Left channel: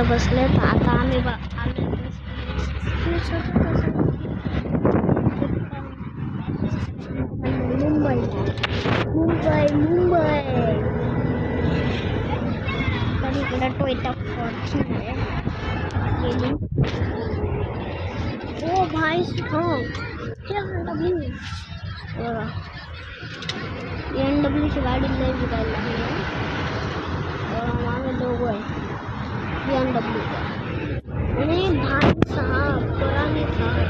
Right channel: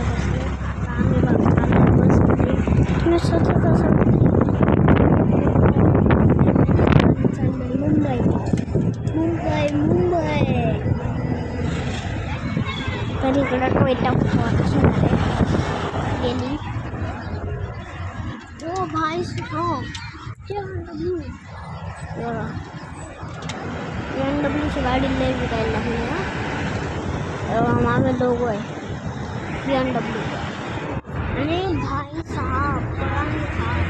इकडं बसले. आता आम्ही आलो बसमध्ये. मी सतत असं चाललं मुंबईला. मुंबई तर इकडं टोयोटा फॉर्च्युनर आहे गेली. ओ भाई हो BMW बघा. BMW ची गाडी लय विकायला लागली ना. मागे लोगो आहे BMW का. आणि भाई साहब पुरानी थार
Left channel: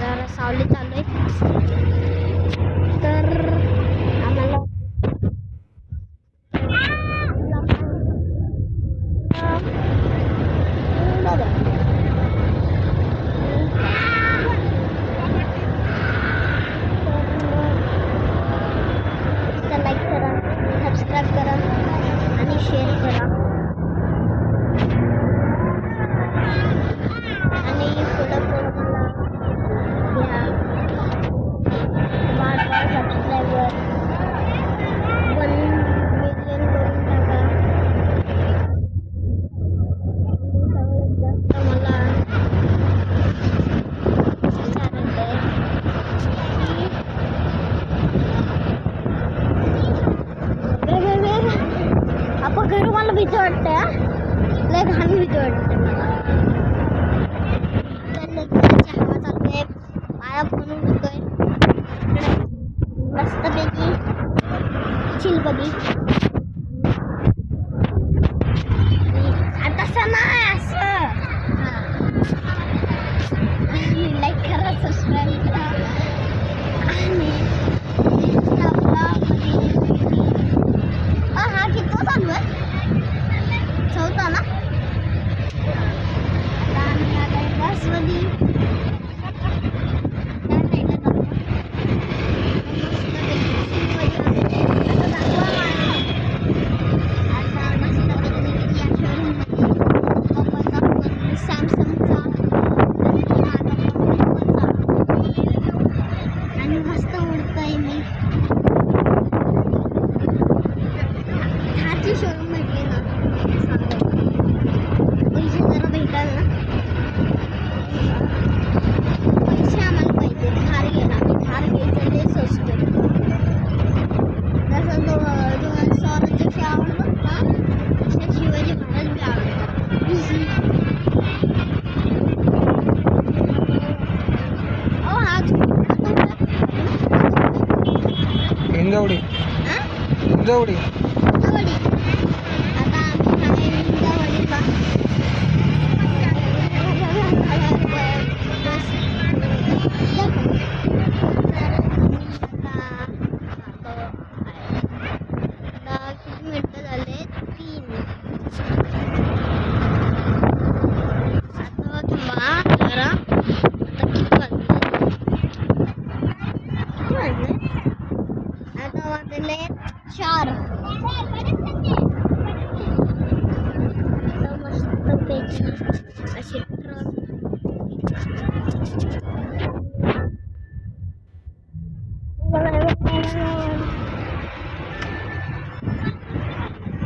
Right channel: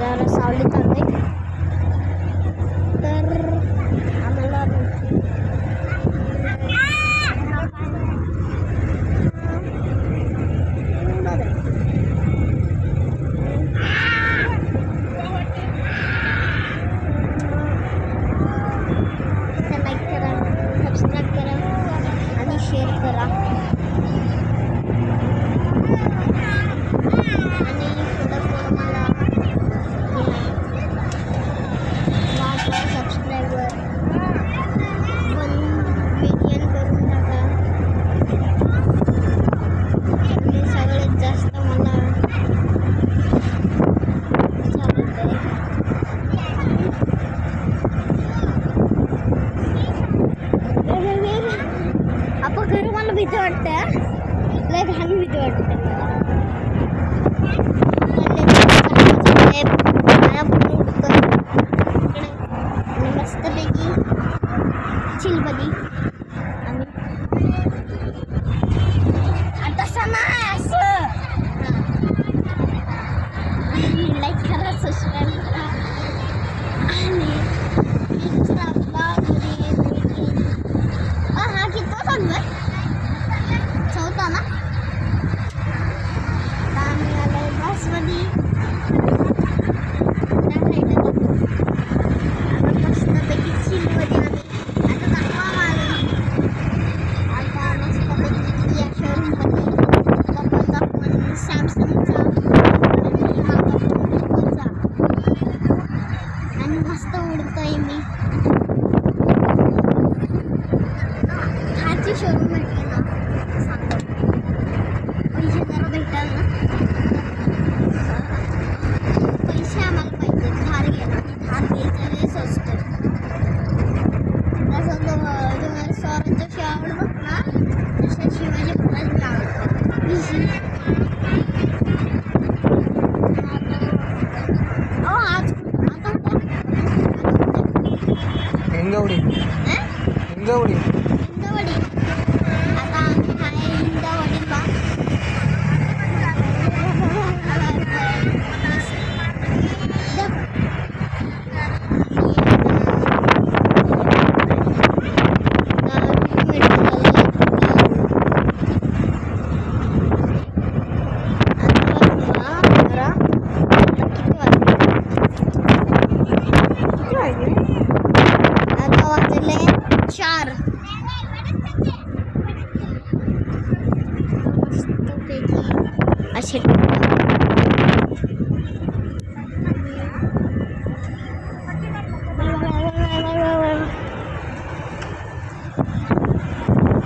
जरा सावलीत आलोय तर आम्हाला लाईक करा, सबस्क्राईब करा आणि शेअर करा. आणि थोडं मला घ्या. वाढवा सबस्क्रायबर 1 मिलियन करून टाका. आणि सगळ्यात जास्त मला चालत आहे आपण घर मला भीती वाटते. लय घाण भीती वाटते मला. आणि मस्तपैकी चिलबदी तसं नाही असं. लाईक करा, सबस्क्राईब करा आणि हा किती चालू आहे? चौथा ना. आता आम्ही आलोय बसमध्ये. सॅमसंगचा आणि मस्त उडतंय मी. कारची शोरूम भेटली ना पैसे जरा भेटाल ना. पैसे आम्हाला पाहिजे. थार घ्यायला थार घ्यायचं लय स्वस्त आहे. जसं जो सौरजशी आवडतो ना तसं शिवाजी महाराज बी आवडतो. हिंगवडी. आता आम्ही हिंगवडीला वाजले 4. मस्तपैकी असे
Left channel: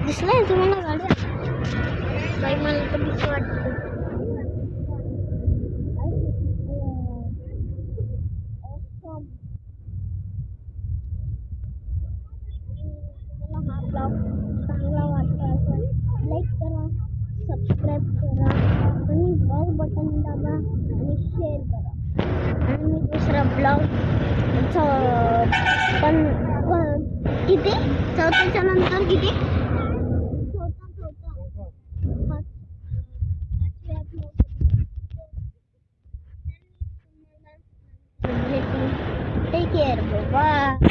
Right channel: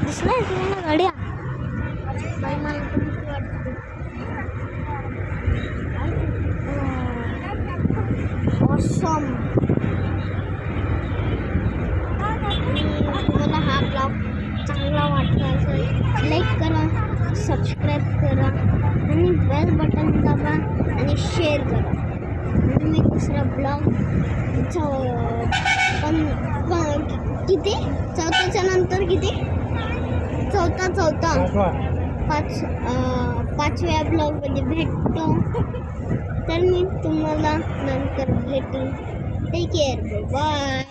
दिसलाय तुम्हाला गाड्या. बाई मला तर भीती वाटते. ऑसम. तुम्हाला हा ब्लॉग चांगला वाटला असेल लाईक करा, सबस्क्राईब करा आणि बेल बटन दाबा आणि शेअर करा. आणि मी दुसरा ब्लॉग पण किती चौथ्याच्या नंतर किती चौथा 5व्या ब्लॉगमध्ये भेटतो. तर मी तुम्हाला नंतर भेटू. Take care. बाय.